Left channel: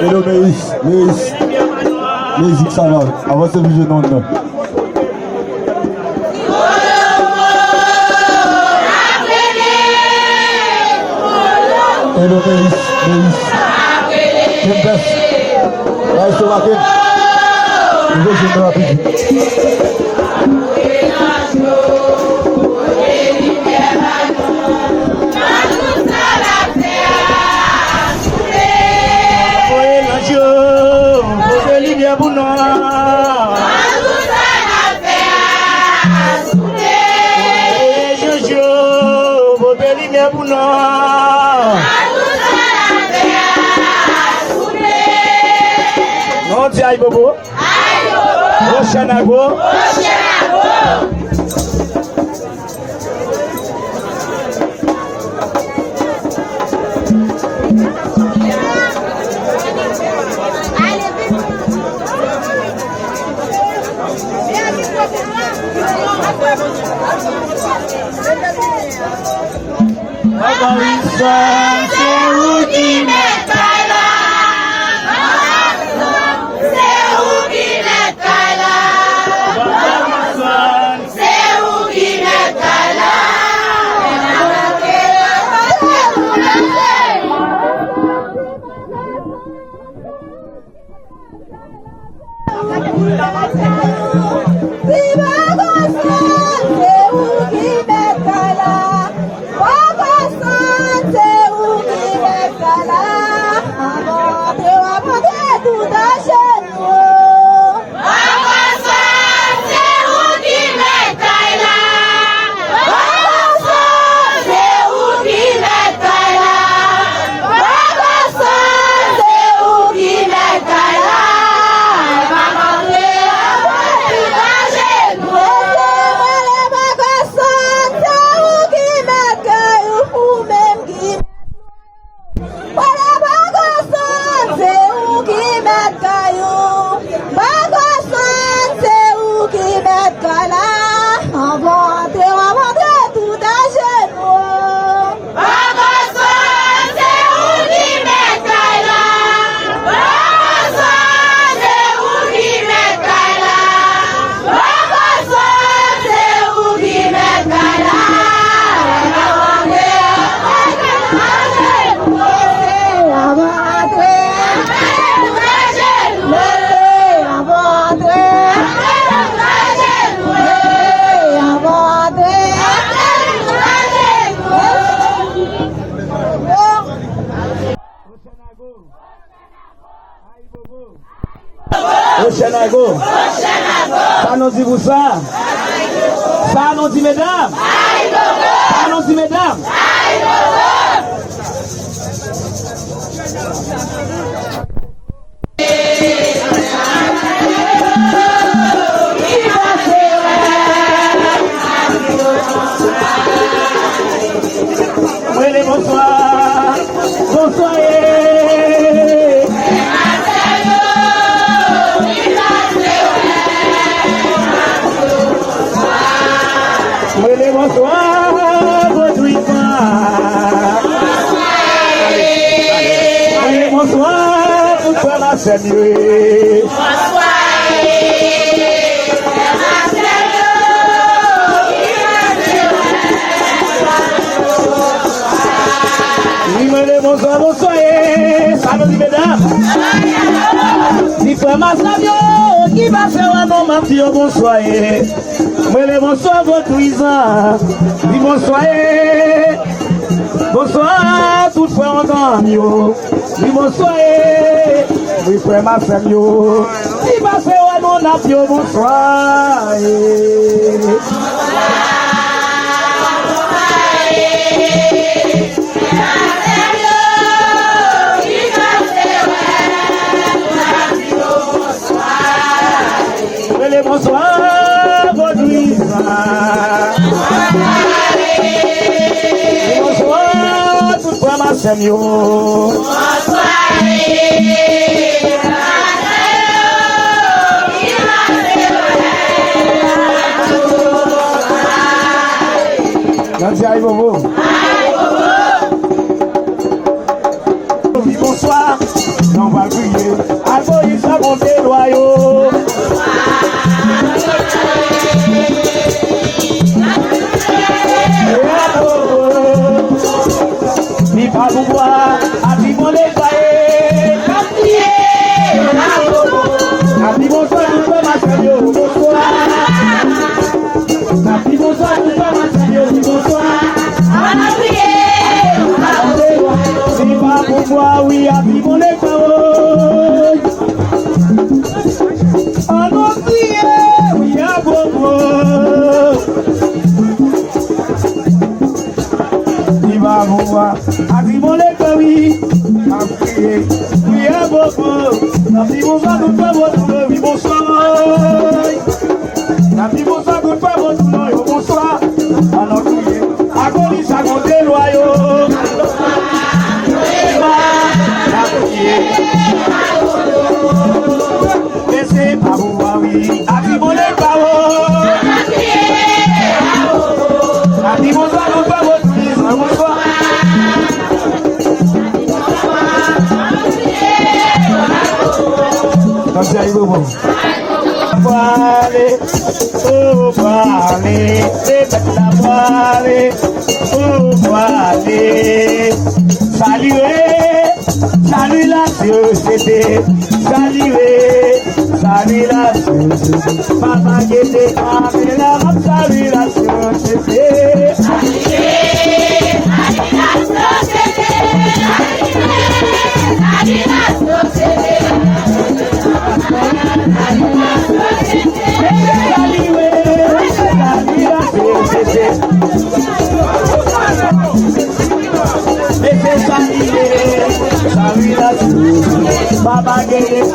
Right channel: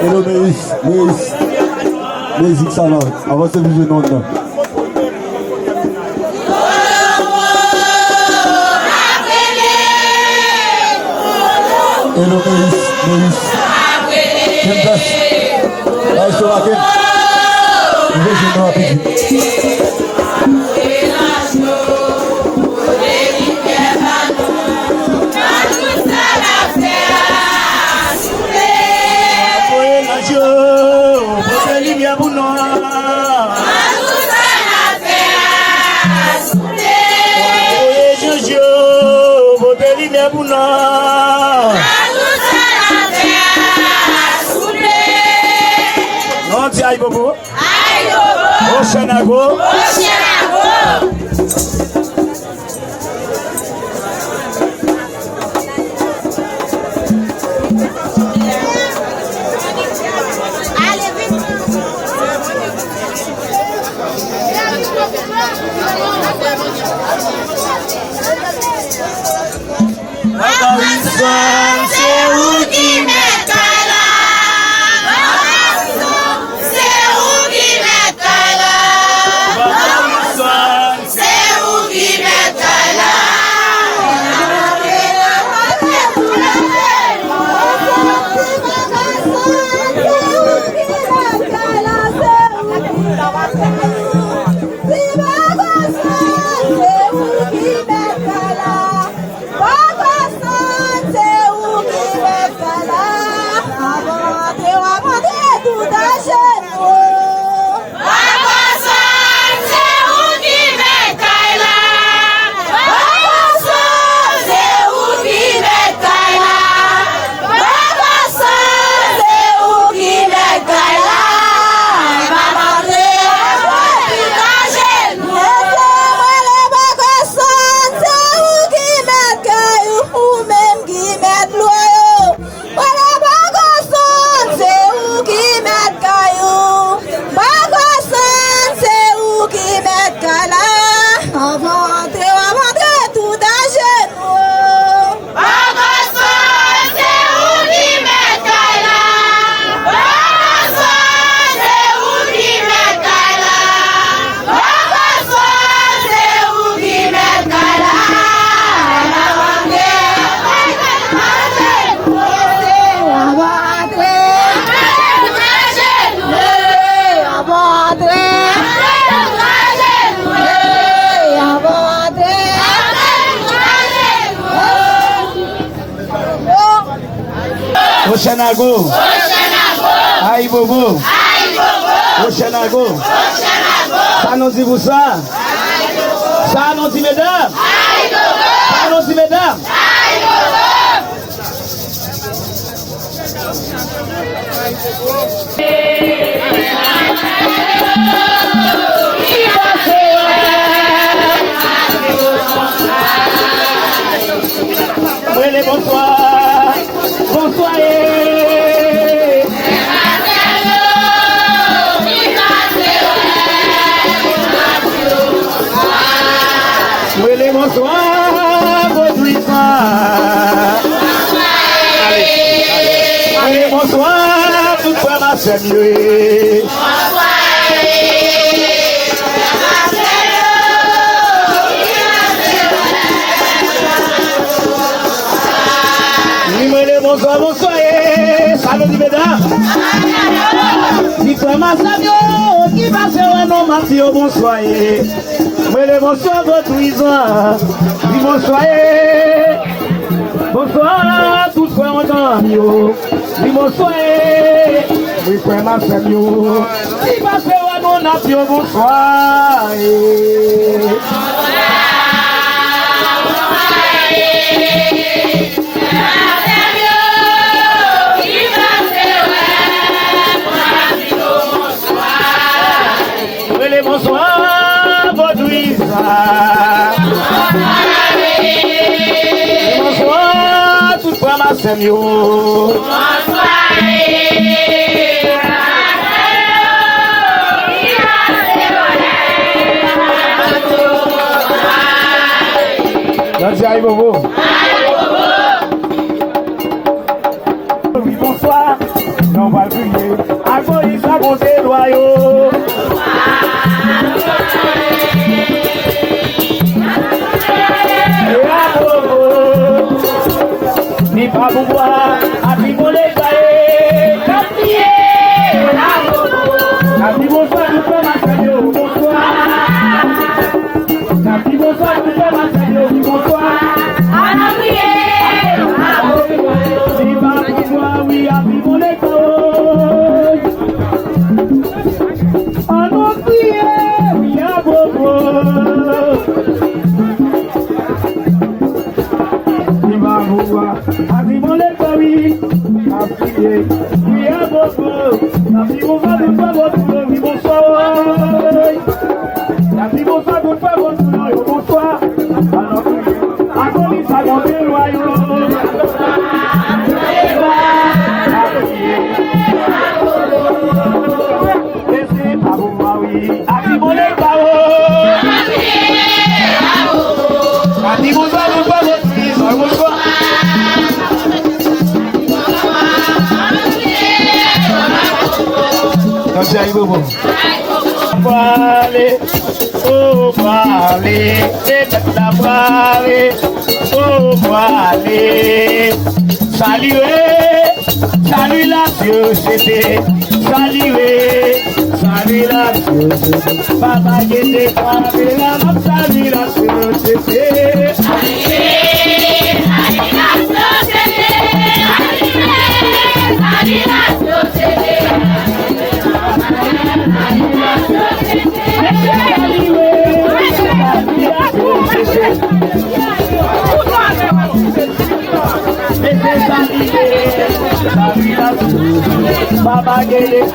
Hello, Méis, ça va. Avant ce vision, non. Hello, Méis. Kim Bess. Ouais, je te raconte. Je vais jouer rapide. Aïe Bobo. Oshanago. Oshanago. Aïe Bobo. Oshanago. Ça nous dit vous ça. Ça nous dit mesdames. Ça nous dit mesdames. Bonsoir. Bonsoir. Bonsoir. Bonsoir. Tout faire la seigneurie. Bonsoir, bonsoir, salut mesdames. Diplomatie, qui va faire un homme à fille, bonsoir. Mais les bonsoir, votre prison. Bonsoir, bonsoir, tout frère en temps. Bonsoir, oui, frère ma femme. Qui va faire un homme à fille, bonsoir. Bonsoir, Baudouisa. Bonsoir, tout Samuel. Aïe Bobo. Oui, bonsoir. On va crier. Agoïs à monter loyaux. Ni pas pouvoir. Abi mon les cahiers. Abi bonsoir. Nous pouvons m'asseoir. Bonsoir. Abi bonsoir. Nous pouvons m'asseoir. Bonsoir. Oui, à vivre les paroles. Allons prier, oui, à Bobo. Viva Bobo, à vivre les paroles. À prier, oui, à Bobo. À vivre les paroles, oui, bonsoir. À vivre les paroles, bonsoir. Allons prier, à Golis, à monter loyaux. Aïe Bobo. Voilé, oh voilé, c'est la voilé, oh voilé. Saluez, salut la société, saluez, salut la société. Papa qui était frappé là, salut la société. Saluez, salut la société, salut la société. Baba gave it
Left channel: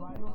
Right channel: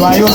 Loyal,